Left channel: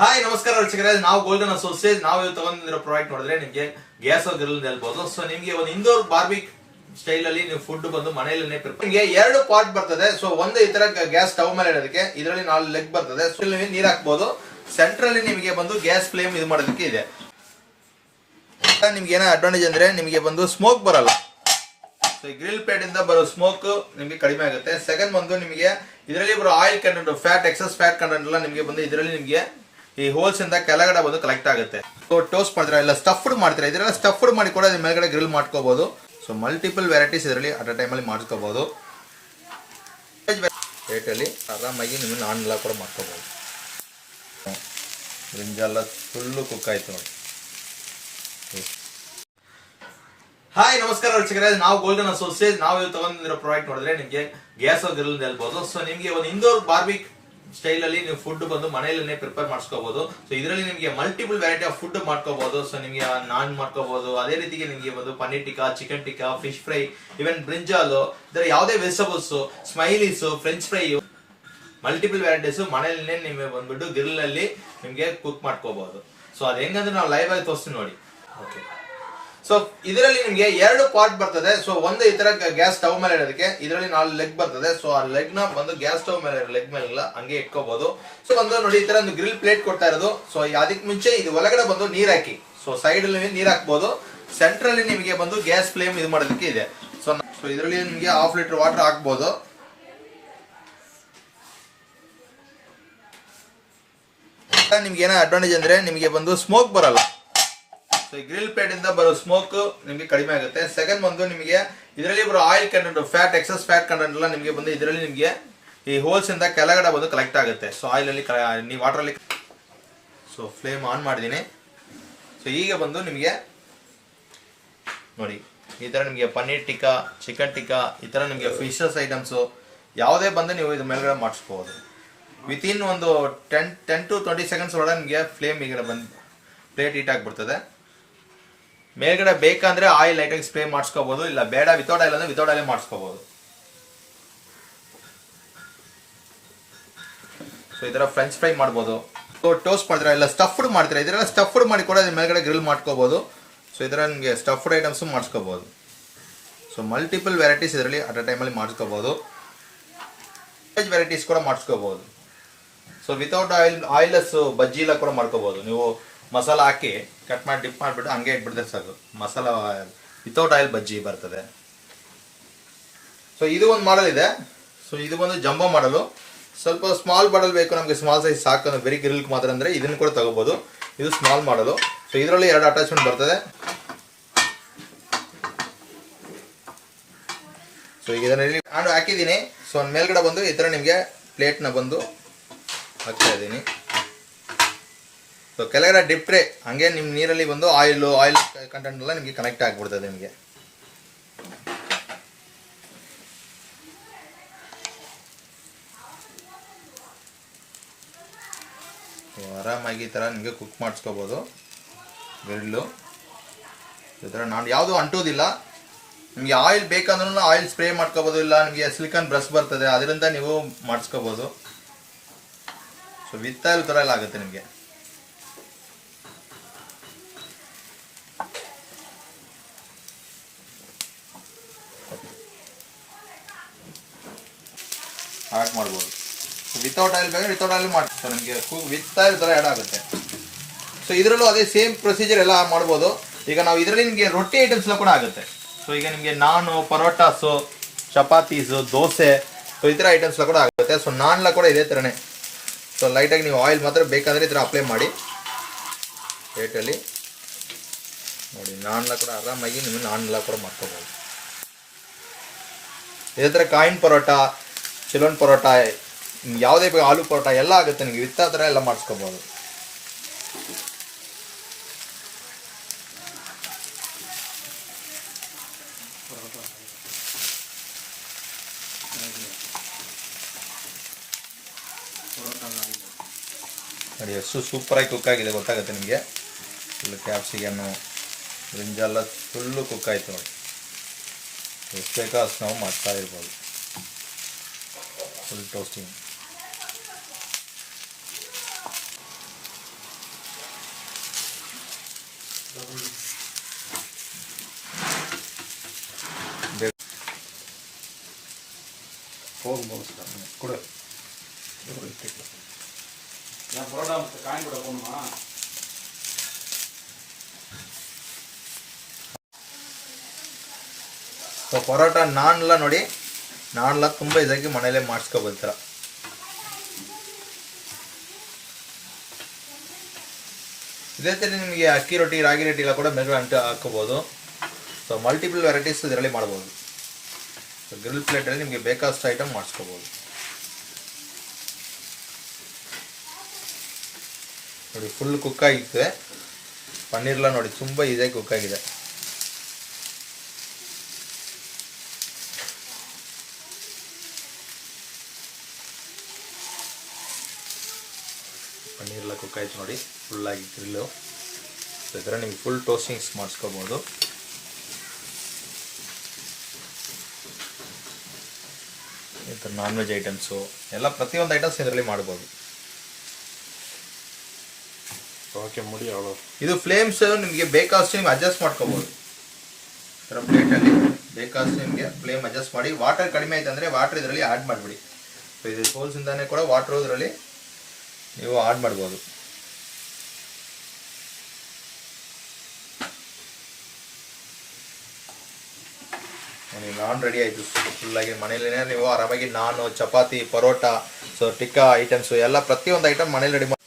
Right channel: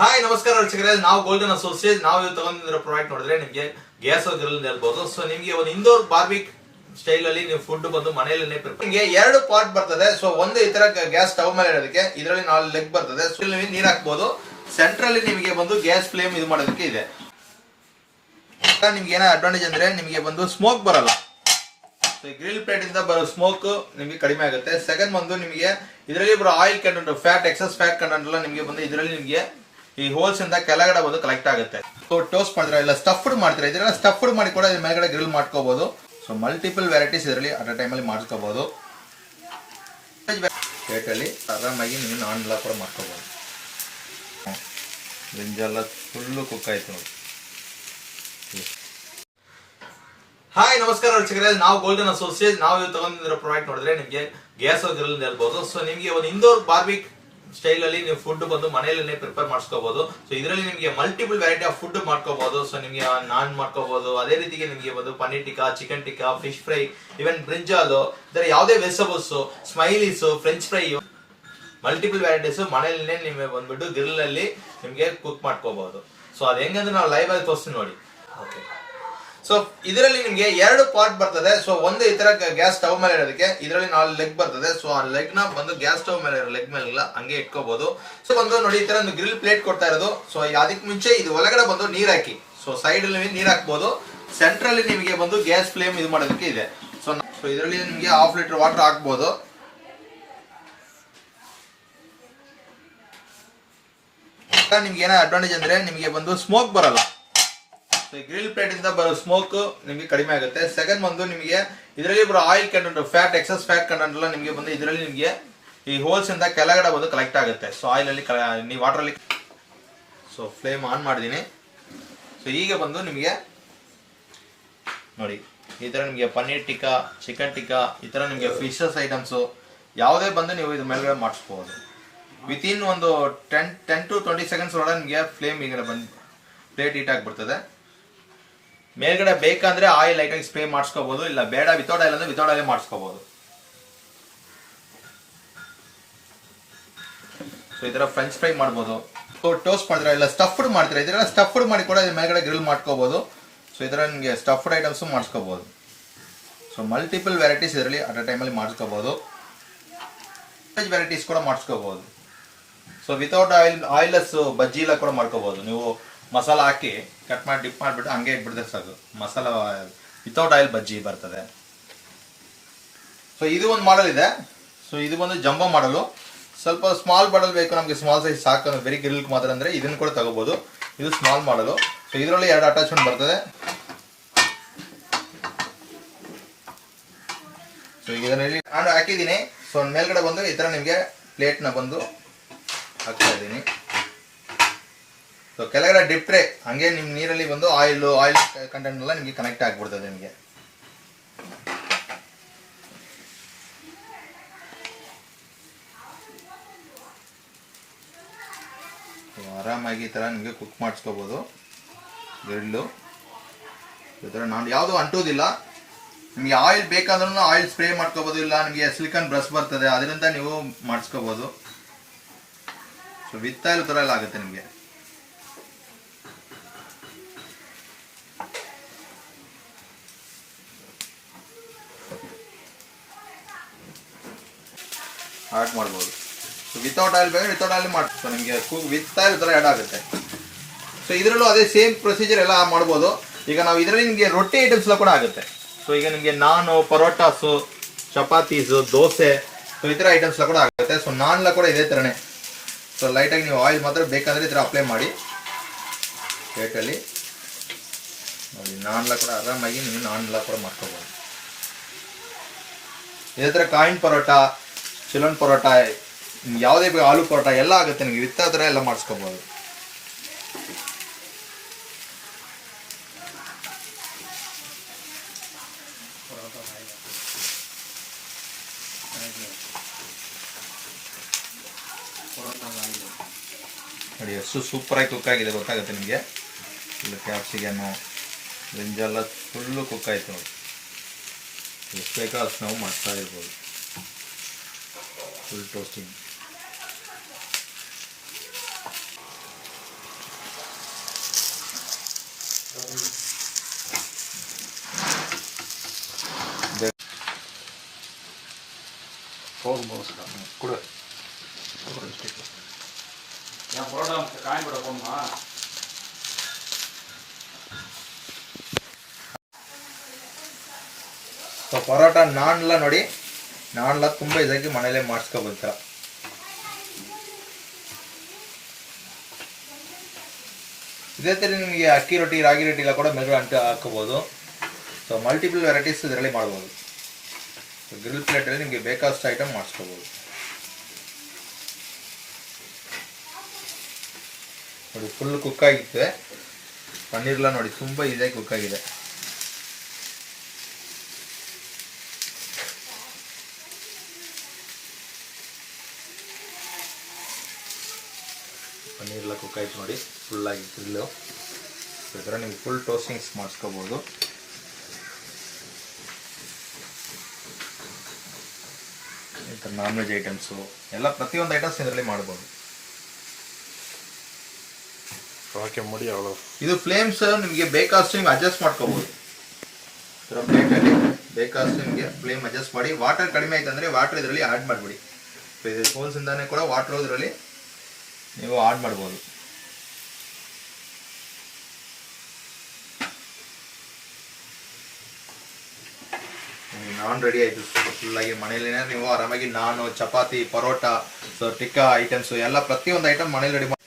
Hi ನಮಸ್ಕಾರ ವೀಕ್ಷಕರೇ, ನಾವು ಗೋಲ್ಡನ್ ಅಸೋಸಿಯೇಟ್. ನಾವು ಇವತ್ತು ತಗೊಂಡಿರೋ ಪ್ರಾಡಕ್ಟ್ ನೋಡಿದ್ರೆ ನಿಮಗೆ ಗ್ಯಾಸ್ ಗ್ರಿಲ್ ಹೇಳ್ಬೋದು. ಸೊ ನಿಮಗೆ ಒಂದು ಇಂಡೋರ್ ಬಾರ್ಬಿಕ್ ಸ್ಟೈಲ್ ಅಲ್ಲಿ ನೀವು ಫುಡ್ ಬಂದು ಮನೆಯಲ್ಲೇ ನಿಮಗೆ ಎರಡು ಪಾರ್ಟ್ ಬರ್ತದೆ. ಸೊ ಒಂದು ಈ ತರ ಗ್ಯಾಸ್ ಸ್ಟವ್ ಮೇಲೆ ಇರೋದಕ್ಕೆ, ಇದರಲ್ಲಿ 4 ಲೆಗ್ ಬರ್ತದೆ. ಸೊ ಇಲ್ಲಿ ನೀರು ಹಾಕ್ಬೋದು. ಸೆಂಟ್ರಲ್ಲಿ ನಿಮಗೆ ಬಂದು ಗ್ಯಾಸ್ ಫ್ಲೇಮ್ ಇದು ಮಾಡೋದಕ್ಕೆ ಇದೆ. ನಿಮ್ಗೆ ಏನೋ ಅಡ್ವಾಂಟೇಜ್ ಅಂದ್ರೆ ನಿಮಗೆ ಬಂದು ಸ್ಮೋಕ್ ಬರಲ್ಲ. ಗ್ರಿಲ್ ಪ್ಲೇಟ್ ಇಂದ ಬರೋ ಸ್ಮೋಕ್ ನಿಮಗೆ ಕಡಿಮೆ ಆಗುತ್ತೆ. ಸೆಕೆಂಡ್ ಬಂದು ನಿಮಗೆ ಇದರಲ್ಲಿ ಬರೋ oil content, fat, excess fat content ಎಲ್ಲ ನಿಮಗೆ ಬಂದು ಇದರಲ್ಲಿ ನಿಮಗೆ ಈ ಹೋಲ್ಸ್ ಇಂದ ಕೆಳಗಡೆ ಬಂದು ಕಲೆಕ್ಟ್ ಆಗುತ್ತೆ. ಸೊ ಟೋಸ್ಟ್ ಮಾಡ್ತೀರಾ ಇಲ್ಲ ಸ್ಟಫ್ಡ್ ಮಾಡ್ತೀರಾ, ಇದನ್ನ ಸ್ಟಫ್ಡ್ ಮಾಡಿ ಕೂಡ ಅದ್ರ ಮೇಲ್ಗಡೆ ಗ್ರಿಲ್ ಮಾಡ್ಕೋಬಹುದು. ಸೊ ಮಲ್ಟಿಪಲ್ ವೆರೈಟೀಸ್ ಇದರಲ್ಲಿ ಅಟ್ ಅ ಟೈಮ್ ಅಲ್ಲಿ ಮಾಡ್ಕೋಬಹುದು. ಪ್ಲೇಟಲ್ಲಿ ಆರಾಮಾಗಿ ನೀವು ನಾನ್ ಎಲ್ಲ ಕೂಡ ಮಾಡ್ಕೋಬಹುದು. ಬ್ರಿಂಜಾಲ್ ಫುಲ್ಲು ಕುಕ್ ಆಯ್ತು ನೋಡಿ. ಹಾಯ್ ನಮಸ್ಕಾರ ವೀಕ್ಷಕರೇ, ನಾವು ಗೋಲ್ಡನ್ ಅಸೋಸಿಯೇಟ್. ನಾವು ಇವತ್ತು ತಗೊಂಡಿರೋ ಪ್ರಾಡಕ್ಟ್ ನೋಡಿದ್ರೆ ನಿಮಗೆ ಗ್ಯಾಸ್ ಗ್ರಿಲ್ ಹೇಳ್ಬೋದು. ಸೊ ನಿಮಗೆ ಒಂದು ಇಂಡೋರ್ ಬಾರ್ಬಿಕ್ ಸ್ಟೈಲ್ ಅಲ್ಲಿ ನೀವು ಫುಡ್ ಬಂದು ಮನೆಯಲ್ಲೇ ಪ್ರಿಪೇರ್ ಮಾಡ್ಕೋಬಹುದು. ಸೊ ಇದರಲ್ಲಿ ನಿಮಗೆ ಮಲ್ಟಿಪಲ್ ವೆರೈಟಿ ಆಫ್ ಫುಡ್ ಮಾಡ್ಕೋಬಹುದು. ಸೊ ನಿಮಗೆ ನಾನ್ ಮಾಡ್ಕೋಬಹುದು. ಅದೇ ರೀತಿಗೆ ನಿಮಗೆ ಬಂದು paneer tikka, chicken tikka, fish fry, even brinjal, ಇದರ ಯಾವುದೇ vegetables, smileys, french fry, multiple varieties ಮನೆಯಲ್ಲೇ ನಿಮಗೆ ಬಂದ್ಬಿಟ್ಟು ಗ್ರಿಲ್ ಅಲ್ಲಿ ನಿಮಗೆ ಕುಕ್ ಮಾಡ್ಕೋಬಹುದು. ಸೊ ಅದು ಹೆಂಗಂದ್ರೆ ನಾವು ಲೈವ್ ಆಗಿ ತೋರಿಸ್ತೀವಿ ನೋಡಿ. ಓಕೆ, ಸೊ ಇದರಲ್ಲಿ ನಿಮಗೆ ಎರಡು ಪಾರ್ಟ್ ಬರ್ತದೆ. ಸೊ ಒಂದು ಈ ತರ ಗ್ಯಾಸ್ ಸ್ಟವ್ ಮೇಲೆ ಇರೋದಕ್ಕೆ, ಇದರಲ್ಲಿ 4 ಲೆಗ್ ಬರ್ತದೆ. ಸೊ ಆ ಲೆಗ್ ನ ಬಂದು ಗ್ಯಾಸ್ ಸ್ಟವ್ ಮೇಲೆ ಲೆಗ್ ಮೇಲೆ ಹಂಗೆ ಇಟ್ಕೋಬಹುದು. ಸೊ ಬಂದು ನೋಡಿ ಈ ತರ ಒಂದು ಗ್ರಿಲ್ ಪ್ಲೇಟ್ ಕೊಡ್ತಾ ಇರೋದು. ಸೊ ಅದಕ್ಕೆ ಮುಂಚೆ ಇದು ಒಳಗಡೆ ಬಂದು ನೀರ್ ಹಾಕಿ, ಸೊ ಸೈಡ್ ಅಲ್ಲಿ ನೀರ್ ಹಾಕ್ಬಹುದು. ಸೆಂಟ್ರಲ್ಲಿ ನಿಮಗೆ ಬಂದು ಗ್ಯಾಸ್ ಫ್ಲೇಮ್ ಇದು ಮಾಡೋದಕ್ಕೆ ಇದೆ. ಸೊ ಇದರಲ್ಲಿ ನಿಮಗೆ 1/2 ಲೀಟರ್ ವಾಟರ್ ಹಾಕ್ಬಹುದು. ನಿಮ್ಗೆ ಏನೋ ಅಡ್ವಾಂಟೇಜ್ ಅಂದ್ರೆ ನಿಮಗೆ ಬಂದು ಸ್ಮೋಕ್ ಬರಲ್ಲ. ಗ್ರಿಲ್ ಪ್ಲೇಟ್ ಇಂದ ಬರೋ ಸ್ಮೋಕ್ ನಿಮಗೆ ಕಡಿಮೆ ಆಗುತ್ತೆ. ಸೆಕೆಂಡ್ ಬಂದು ನಿಮಗೆ ಇದರಲ್ಲಿ ಬರೋ oil content, fat, excess fat content ಎಲ್ಲ ನಿಮಗೆ ಬಂದು ಇದರಲ್ಲಿ ನಿಮಗೆ ಈ ಹೋಲ್ಸ್ ಇಂದ ಕೆಳಗಡೆ ಬಂದು ಕಲೆಕ್ಟ್ ಆಗುತ್ತೆ. ಸೊ ಆಯಿಲ್ ಅಲ್ಲಿ ನೀವು ವಾಟರ್ ಅಲ್ಲಿ. ಸೊ ಫ್ಲೇಮ್ ಆನ್ ಮಾಡಿದೀನಿ. ಸೊ ಈಗ ಬಂದು ನಿಮಗೆ ನೋಡಿ ಈ ತರ ನಿಮಗೆ ಪನ್ನೀರ್ ಟಿಕ್ಕಾ, ಚಿಕನ್ ಟಿಕ್ಕಾ, ಈ ತರ ನಿಮಗೆ ಫಿಶಸ್ ಐಟಮ್ಸ್ ಯಾವುದೇ ಬಂದು ನೀವು ಇದ್ರ ಮೇಲ್ಗಡೆ ಮಾಡಿಸ್ಕೋಬಹುದು. ವಿತಿನ್ ಒಂದು 10 to 20 ಸೆಕೆಂಡ್ಸ್ ಒಳಗೆ ನಿಮಗೆ ಫ್ಲೇಮ್ ಈಗ ಬಂದು ಪ್ಲೇಟ್ ಹೀಟ್ ಆಗಿಬಿಡ್ತದೆ. ಮೇಲ್ಗಡೆ ಬೇಕಂದ್ರೆ ಆಯಿಲ್ ಲೈಟಾಗಿ ಸ್ಪ್ರೇ ಮಾಡಿಸ್ಕೋಬಹುದು, ಇಲ್ಲ ಬೇಡ ವಿತೌಟ್ ಆಯಿಲ್ ಅಂದ್ರೆ ವಿತೌಟ್ ಆಯಿಲ್ ಮಾಡಿಸ್ಕೋಬಹುದು. ಸೊ ಈ ತರ ಫ್ರೆಂಚ್ ಫ್ರೈ ಮಾಡ್ಬೋದು. ಸೊ ಟೋಸ್ಟ್ ಮಾಡ್ತೀರಾ ಇಲ್ಲ ಸ್ಟಫ್ಡ್ ಮಾಡ್ತೀರಾ, ಇದೆಲ್ಲ ಸ್ಟಫ್ಡ್ ಮಾಡಿ ಕೂಡ ಅದ್ರ ಮೇಲ್ಗಡೆ ಗ್ರಿಲ್ ಮಾಡ್ಕೋಬಹುದು. ಸೊ ಈ ತರ ನಿಮಗೆ ಸ್ಟಫ್ಡ್ ಐಟಮ್ಸ್ ಮಾಡಿಸ್ಕೋಬಹುದು. ಸೊ ಮಲ್ಟಿಪಲ್ ವೆರೈಟೀಸ್ ಇದರಲ್ಲಿ ಅಟ್ ಅ ಟೈಮ್ ಅಲ್ಲಿ ಮಾಡಿಸ್ಕೋಬಹುದು. ವೆಜ್ ವೆರೈಟೀಸ್ ಕೂಡ ಮಾಡಿಸ್ಕೋಬಹುದು. ಸೊ ವಿತೌಟ್ ಆಯಿಲ್ಲೆಸ್ ಬಜ್ಜಿ ಎಲ್ಲ ಕೂಡ ಮಾಡ್ಕೋಬಹುದು. ನೀವು ಮಸಾಲ ಹಾಕಿ ಕಟ್ ಮಾಡಿ ಡಿಪ್ ಮಾಡಿಬಿಟ್ಟು ಹಂಗೆ ಇಟ್ಬಿಡ್ತಾರೆ ಸಾಕು. ಮಸಾಲ ವಿತೌಟ್ ಆಯಿಲ್ ಬಜ್ಜಿ ಬರ್ತದೆ. ಸೊ ಇದು ಒಂದು ಮಾಡಲ್ ಇದೆ. ಸೊ ಇದು ಒಂದು ಜಂಬೋ ಮಾಡಲು. ಸ್ವಲ್ಪ ಸ್ಮಾಲ್ ಮಾಡಲ್ ಬೇಕು ನಮಗೆ, ಸ್ಮಾಲ್ ಸೈಜ್ ಸಾಕು ಬರೀ ಗ್ರಿಲ್ ಮಾತ್ರ ಅಂದ್ರೆ ಇದನ್ನು ಕೂಡ ತಗೋಬಹುದು. ಇದು ಸ್ಮಾಲ್ ಮಾಡಲು. ಸೊ ಇದರಲ್ಲಿ 2 ಅಟ್ಯಾಚ್ಮೆಂಟ್ ಬರ್ತದೆ. ಸೊ ಈಗ ಇದರಲ್ಲಿ ನಾನು ಹಾಕಿದ್ದೀನಿ. ಸೊ ಮೇಲ್ಗಡೆ ಬಂದು ಈ ತರ ನಿಮಗೆ ಪ್ಲೇಟ್ ನ ಬಂದು ಹಾಕ್ತಾ ಇದ್ದೀನಿ. ಸೊ ಕೆಳಗಡೆ ಡಿಪ್ ಟ್ರೇ ಹಂಗೆ ನಿಮ್ಮ ನೀರಲ್ಲಿ ಬಂದು ಆಯಿಲ್ ಕಂಟೆಂಟ್ ಎಲ್ಲ ನಿಮಗೆ ಕನೆಕ್ಟ್ ಆಗಿಬಿಡ್ತದೆ. ನಿಮಗೆ ಆರಾಮಾಗಿ ಈ ತರ ನಿಮಗೆ ಕುಕ್ ಮಾಡಿಸ್ಕೋಬಹುದು. ಗ್ರಿಲ್ಲು ಈ ತರ ನಾನು ಯಾವುದು ಅಂಟೋದಿಲ್ಲ. ನಿಮಗೆ ಆಯಿಲ್ ಬೇಕಂದ್ರೂ ಆಯಿಲ್ ಸ್ಪ್ರೇ ಮಾಡ್ಕೋಬಹುದು, ಇಲ್ಲ ನಿಮಗೆ ಸಿಲಿಕಾನ್ ಬ್ರಷ್ ಬರ್ತದೆ ಅದರಿಂದ ನೀವು ಮಾಡಿಸ್ಕೋಬಹುದು. ಸೊ ವಿತ್ ಆಯಿಲ್ ತರ ಎಲ್ಲ ಆಗುತ್ತೆ ನಿಮಗೆ. ಆ್ಯಡ್ ಮಾಡ್ಬೋದು. ಸೊ ವಿತೌಟ್ ಆಯಿಲ್ ಬೇಕಾದ್ರೆ ವಿತೌಟ್ ಆಯಿಲ್ ಮಾಡಿ. ಸೊ ನಿಮಗೆ ವಿತ್ ಆಯಿಲ್ ಥರ ಆ್ಯಡ್ ಆಗುತ್ತೆ. ಸೊ ಇದರಲ್ಲೂ ಅದೇ ಸೇಮ್ ಪ್ರೊಸೀಜರ್ ಎಲ್ಲ ಮಾಡ್ಬೋದು. ಈಗ ನಾವು ಇದರಲ್ಲಿ ನಿಮಗೆ ರೊಟ್ಟಿ ಐಟಮ್ಸ್ ಎಲ್ಲ ಕೂಡ ಆಗುತ್ತೆ. ಸೊ ಈಗ ನಿಮಗೆ ನಾನು, ಪರೋಟಾಸು, ಚಪಾತೀಸು, ದೋಸೆ, ಸೊ ಈ ಥರ ಐಟಮ್ಸ್ ಎಲ್ಲ ಕೂಡ ಆಗುತ್ತೆ. ಸೊ ನಾನ್ ಎಲ್ಲ ಕೂಡ ಇದೇ ಥರನೇ. ಸೊ ಲೈಟಾಗಿ ನೀವು ಆಯಿಲ್ ಮಾತ್ರ ಬೇಕಾದರೆ ಈ ಥರ ಅಪ್ಲೈ ಮಾಡಿ ಪ್ಲೇಟಲ್ಲಿ ನೋಡಿ. ನಾನ್ ಎಲ್ಲ ಕೂಡ ಆರಾಮಾಗಿ ನೀವು ನಾನ್ ಎಲ್ಲ ಕೂಡ ಮಾಡ್ಕೋಬೋದು. ಇದೇ ಥರ ಕಾಯಿನ್ ಪರೋಟ, ಚಿಲನ್ ಪರೋಟ, ಯಾವುದೇ ಬೇಕು ಆಲೂ ಪರೋಟ ಎಲ್ಲ ಆಗುತ್ತೆ. ನಿಮಗೆ ವಿತ್ತ ಥರ ಎಲ್ಲ ಮಾಡಿಸ್ಕೋಬಹುದು. ನೋಡಿ ಎಷ್ಟು ಸೂಪರಾಗಿ ಕುಕ್ ಆಗಿದೆ ಗೊತ್ತಾಗುತ್ತೆ ನಿಮಗೆ. ಇಲ್ಲಿ ಕ್ಯಾಪ್ಸಿಕನ್, ಬ್ರಿಂಜಾಲ್ ಫುಲ್ಲು ಕುಕ್ ಆಯಿತು ನೋಡಿ. ಎಷ್ಟು ಬೇಕೋ ಅಷ್ಟು ನಾವು ಮಾಡ್ತಾ ಇರ್ಬೋದು. ಫುಲ್ ಟೋಸ್ಟಿಂಗ್. கொடு பரோட்டா காய் கூட போகணுமா? ಸೊ ಪರೋಟ ನಾನ್ಲ ನೋಡಿ, ನಾನ್ಲ ತುಂಬ ಇದಾಗಿ ಮನೇಲೆ ಮಾಡಿಸ್ಕೊಬೋದ. ಇದೇ ಥರ ನಿಮಗೆ ಅಕ್ಕಿ ರೊಟ್ಟಿ, ರಾಗಿ ರೊಟ್ಟಿ ಎಲ್ಲ ಕೂಡ ಮೇಲ್ಗಡೆ ಅಂಟು ಹಾಕೋಬೋದು. ಸೊ ಮಲ್ಟಿಪಲ್ ವೆರೈಟೀಸ್ ಇದರಲ್ಲಿ ಮಾಡ್ಬೋದು. ಗ್ರಿಲ್ ಪ್ಲೇಟಲ್ಲಿ ನಿಮಗೆ ಬೇಕಾದಷ್ಟು ಐಟಮ್ ಮಾಡಿಸ್ಕೋಬೋದು. ನೋಡಿ ಫುಲ್ ಕುಕ್ ಆಗಿತ್ತು. ಪನ್ನೀರ್ಲ ನೋಡಿ ತುಂಬ ಈಸಿಯಾಗಿ ಕುಕ್ ಆಗಿದೆ. ಪನ್ನೀರ್ಲ ಕುಕ್ ಆಯ್ತು ನೋಡಿ, ಫುಲ್ಲಾಗಿ ಗ್ರಿಲ್ಲು. ಈ ಥರ ನಿಮ್ಗೆ ಫುಲ್ ಟೋಸ್ಟಿಂಗ್ಸ್ ಮಾಡಿಸ್ಕೋಬೋದು. ಈ ಥರ ನಾನ್ ವೆಜ್ ಐಟಮ್ಸು ಎಲ್ಲ ಪ್ರತಿಯೊಂದು ಐಟಮ್ಸ್ ಇದರಲ್ಲಿ ಮಾಡ್ಬೋದು. ಓಕೆ ಮುಡಿ ಅವಳು ಇದು ಫ್ಲೇಮ್ಸ್ ನಿಮಗೆ ಬೇಕಾದಷ್ಟು ನಿಮ್ಗೆ ಅಡ್ಜಸ್ಟ್ ಮಾಡ್ಕೋಬೋದು. ಈ ಥರ ಪ್ಲೇಟಲ್ಲಿ ಬೇಕಾದಷ್ಟು ನಿಮಗೆ ಫ್ಲೇಮ್ ಅಡ್ಜಸ್ಟ್ ಮಾಡಿ. ವಾಟರ್ ಕಡಿಮೆ ಆಯ್ತು ಅಂದರೆ ವಾಟರ್ ಇದರಲ್ಲಿ ಆ್ಯಡ್ ಮಾಡಿಬಿಡಿ. ಇದು ಹೋಲ್ಸಿಂದಾನೆ ಕೂಡ ವಾಟರ್ ಇದರಲ್ಲಿ ನೀವು ಆಡ್ ಮಾಡ್ಬೋದು. ನಾನ್ ರೆಡಿ ಆಯಿತು ಫುಲ್ಲಾಗಿ. ಮನೇಲಿನೇ ನೀವು ಆರಾಮಾಗಿ ನಾನು, ಚಪಾತಿ, ಪರೋಟ, ಸೊ ಟಿಕ್ಕಾ ಐಟಮ್ಸು ಎಲ್ಲ ಪ್ರತಿಯೊಂದು ಐಟಮ್ ಮನೇಲಿ ರೆಡಿ ಮಾಡಿ.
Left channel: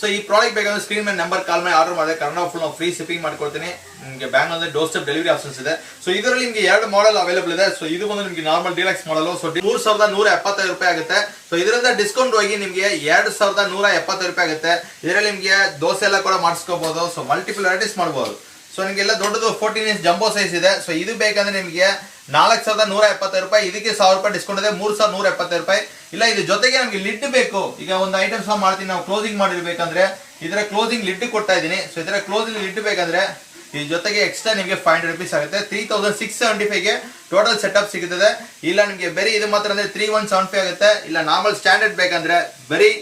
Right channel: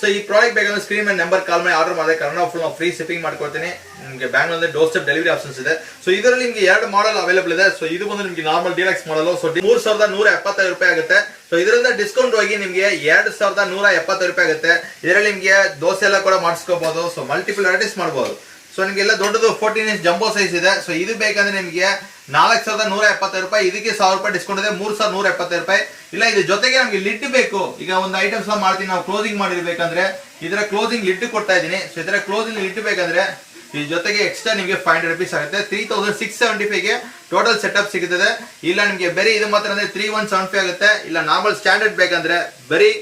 ಸೊ ಈ ಪ್ರಾಡಕ್ಟ್ ಬೇಕಂದ್ರೆ ಸ್ಕ್ರೀನ್ ಮೇಲೆ ನಂಬರ್ ಕಾಲ್ ಮಾಡಿ ಆರ್ಡರ್ ಮಾಡಿದ್ರೆ ಕನ್ನಡ ಫುಲ್ ನಾವು ಫ್ರೀ ಶಿಪ್ಪಿಂಗ್ ಮಾಡ್ಕೊಡ್ತೀನಿ. ನಿಮಗೆ ಬ್ಯಾಂಗ್ಳೂರಲ್ಲಿ ಡೋರ್ ಸ್ಟೆಪ್ ಡೆಲಿವರಿ ಆಪ್ಷನ್ಸ್ ಇದೆ. ಸೊ ಇದರಲ್ಲಿ ನಿಮಗೆ 2 ಮಾಡೆಲ್ ಅವೈಲೇಬಲ್ ಇದೆ. ಸೊ ಇದು ಬಂದು ನಿಮಗೆ ನಾರ್ಮಲ್ ಡೀಲಕ್ಸ್ ಮಾಡಲು. ಸೊ 3175 ರೂಪಾಯಿ ಆಗುತ್ತೆ. ಸೊ ಇದರಿಂದ ಡಿಸ್ಕೌಂಟ್ ಹೋಗಿ ನಿಮಗೆ 2170 ರೂಪಾಯಿ ಆಗುತ್ತೆ. ಇದರಲ್ಲಿ ನಿಮಗೆ ದೋಸೆ ಎಲ್ಲ ಕೂಡ ಮಾಡಿಸ್ಕೋಬಹುದು. ಸೊ ಮಲ್ಟಿಪಲ್ ವೆರೈಟೀಸ್ ಮಾಡಬಹುದು. ಸೊ ನಿಮಗೆಲ್ಲ ದೊಡ್ಡದು 14 ಇಂಚ್ ಜಂಬೋ ಸೈಜ್ ಇದೆ. ಸೊ ಇದು ಬೇಕಂದ್ರೆ ನಿಮಗೆ 4170 ರೂಪಾಯಿ. ಇದಕ್ಕೆ 1000 ರೂಪಾಯಿ ಡಿಸ್ಕೌಂಟ್ ಇದೆ, 3170 ರೂಪಾಯಿ. ಇಲ್ಲ ಇದ್ರ ಜೊತೆಗೆ ನಮ್ಗೆ ಲಿಡ್ ಬೇಕು. ಈಗ ಒಂದು ಐಟಮ್ಸ್ ಮಾಡ್ತೀನಿ ನಾವು ಕ್ಲೋಸಿಂಗ್ ಮಾಡಿರ್ಬೇಕಂದ್ರೆ ಇದರ ಕ್ಲೋಸಿಂಗ್ ಲಿಡ್ ಕೊಡ್ತಾ ಇದೀನಿ. ಸೊ ಇದರ ಕ್ಲೋಸಿಂಗ್ ಲಿಡ್ ಬೇಕಂದ್ರೆ ಇದ್ರ ಜೊತೆಗೆ ಎಕ್ಸ್ಟ್ರಾ ನಿಮಗೆ 500 ರೂಪೀಸ್ ಆಗುತ್ತೆ. 3675 ಗೆ ಟೋಟಲ್ ಸೆಟಪ್ ಸಿಗುತ್ತದೆ. ಇಲ್ಲ ನಿಮಗೆ ಬರೀ ಇದು ಮಾತ್ರ ಅಂದ್ರೆ 3175 ಆಗುತ್ತೆ. ಇಲ್ಲ ನಾರ್ಮಲ್ ಸ್ಟ್ಯಾಂಡರ್ಡ್ ಬೇಕಂದ್ರೆ ಬರೀ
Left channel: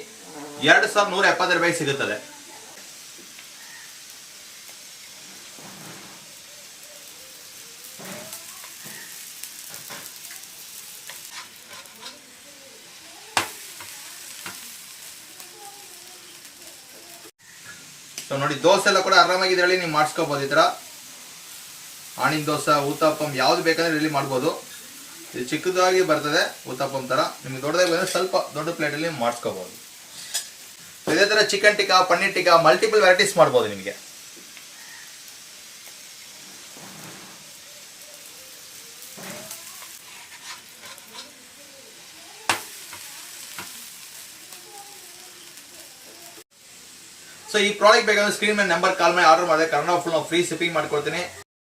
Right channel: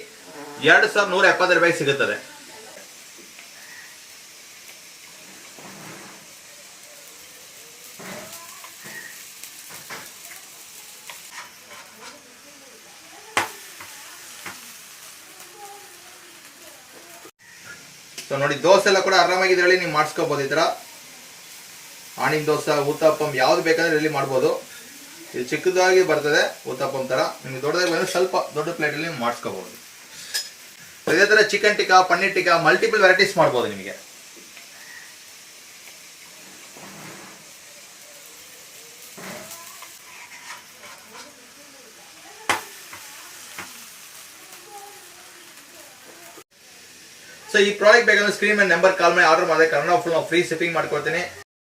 2170 ರೂಪಾಯಿ ಸಿಗುತ್ತದೆ. ಸೊ ನೋಡಿ ದೋಸೆ ಎಲ್ಲ ಕೂಡ ಆರಾಮಾಗಿ ಇದರಲ್ಲಿ ನೀವು ಮಾಡಿಸ್ಕೋಬಹುದು. ಈ ತರ ಆಣಿಕ್ ದೋಸೆ, ಊತಪ್ಪಂ ಯಾವ್ದು ಬೇಕಂದ್ರೆ ಇಲ್ಲಿ ಮಾಡ್ಬೋದು. ಇದು ಚಿಕ್ಕದಾಗಿ ಬರ್ತದೆ ಊತಪ್ಪಂ ತರ. ನಿಮ್ಗೆ ದೊಡ್ಡದಾಗಿ ಬಂದ್ರೆ ಸ್ವಲ್ಪ ದೊಡ್ಡ ಪ್ಲೇಟ್ ಅಲ್ಲಿ ಮಾಡಿಸ್ಕೋಬಹುದು. ಇದೇ ತರ chicken tikka, paneer tikka multiple varieties ಮಾಡ್ಬೋದು ನಿಮಗೆ. ಸೊ ಈ ಪ್ರಾಡಕ್ಟ್ ಬೇಕಂದ್ರೆ ಸ್ಕ್ರೀನ್ ಮೇಲೆ ನಂಬರ್ ಕಾಲ್ ಮಾಡಿ ಆರ್ಡರ್ ಮಾಡಿದ್ರೆ ಕನ್ನಡ ಫುಲ್ ನಾವು ಫ್ರೀ ಶಿಪ್ಪಿಂಗ್ ಮಾಡ್ಕೊಡ್ತೀನಿ.